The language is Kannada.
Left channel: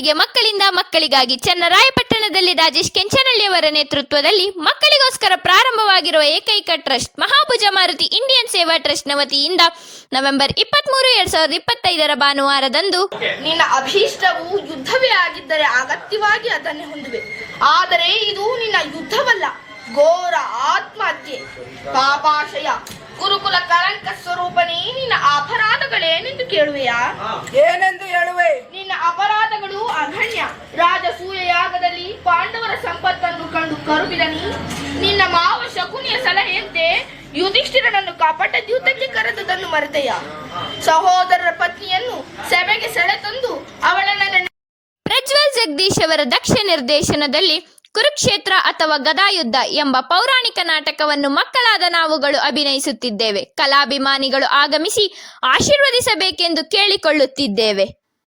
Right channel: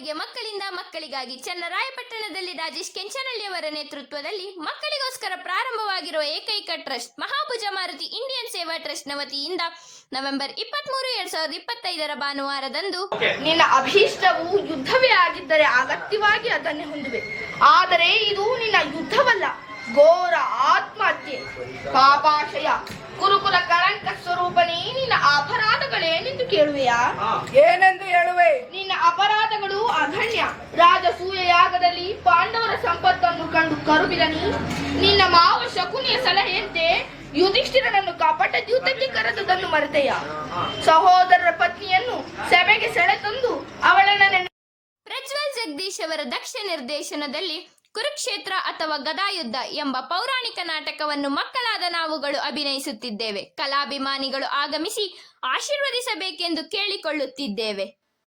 ಬಾರಿಗೆ ಮಕ್ಕಳಿಂದ ಮಕ್ಕಳಿಗಾಗಿ ಚನ್ನರಾಯಪಟ್ಟಣದಲ್ಲಿ ರಾಜೇಶ್ ಕೆಂಚನಹಳ್ಳಿಯವರ ನೇತೃತ್ವದಲ್ಲಿ ಮಕ್ಕಳಿಗೋಸ್ಕರ ಪ್ರಾರಂಭವಾಗಿರುವ ಏಕೈಕ ಟ್ರಸ್ಟ್ ಮಹಾಭುಜ ಮಾರುತಿ ಇಂಡಿಯನ್ ಸೇವಾ ಟ್ರಸ್ಟ್ನ ವತಿಯಿಂದ ನವೆಂಬರ್ 23, 2025 ಭಾನುವಾರದಂದು ನಿನ್ನ ಅಭೀಷ್ಟವು ಯುದ್ಧವೇ ಆಗಿದ್ದರೆ ಅಗತ್ಯವಾಗಿ ಅದನ್ನೇ ಹೊಂದುವೆ. ಆದರೆ ಇದು ನಿನ್ನ ಯುದ್ಧವಲ್ಲ, ಘೋರ ಆತ್ಮಹತ್ಯೆ, ಪಾಪಾಶಯ, ಗುರುಕುಲ ಕಳಂಕ ಸ್ವರೂಪನೇ. ನಿನ್ನ ಅಪರಾಧಗಳೇನೆಂದು ಕೇಳುವೆಯಾ? ಏನೆಂದು ಹೇಳುವೆ? ನಿನ್ನ ಅಪರಾಧಗಳು ಅಗಣ್ಯ. ರಾಜಸೂಯ ಯಾಗದಲ್ಲಿ ಪಾಂಡವರ ಸಂಪತ್ತನ್ನು ಕಂಡು ಕರುಬಿದನಿ. ನಿನ್ನ ಮಾವ ಶಕುನಿಯ ಸಲಹೆಯಂತೆ ಯುಧಿಷ್ಠಿರನನ್ನು ಕಪಟ ದ್ಯೂತಕ್ಕೆ ಕರೆದುದನ್ನು ಮರೆತೆಯ. ಸಹೋದರರ ಪತ್ನಿಯನ್ನು ಸಭೆಗೆ ಸೆಳೆತಂದು ಅವಳನ್ನು ಪ್ರಜ್ವಲ್ ಜಗದೀಶ್ ಅವರ ದಕ್ಷ ನಿರ್ದೇಶನದಲ್ಲಿ ಕುರುಕ್ಷೇತ್ರ ಅಥವಾ ಗದಾಯುದ್ಧ ಎಂಬ ಪೌರಾಣಿಕ ನಾಟಕವನ್ನು ಮಕ್ಕಳಾದ ನಾವುಗಳು ಅಭಿನಯಿಸುತ್ತಿದ್ದೇವೆ. ಕಲಾಭಿಮಾನಿಗಳು ಆಗಮಿಸಿ ಆಶೀರ್ವದಿಸಬೇಕೆಂದು ಕೇಳಿಕೊಳ್ಳುತ್ತಿದ್ದೇವೆ.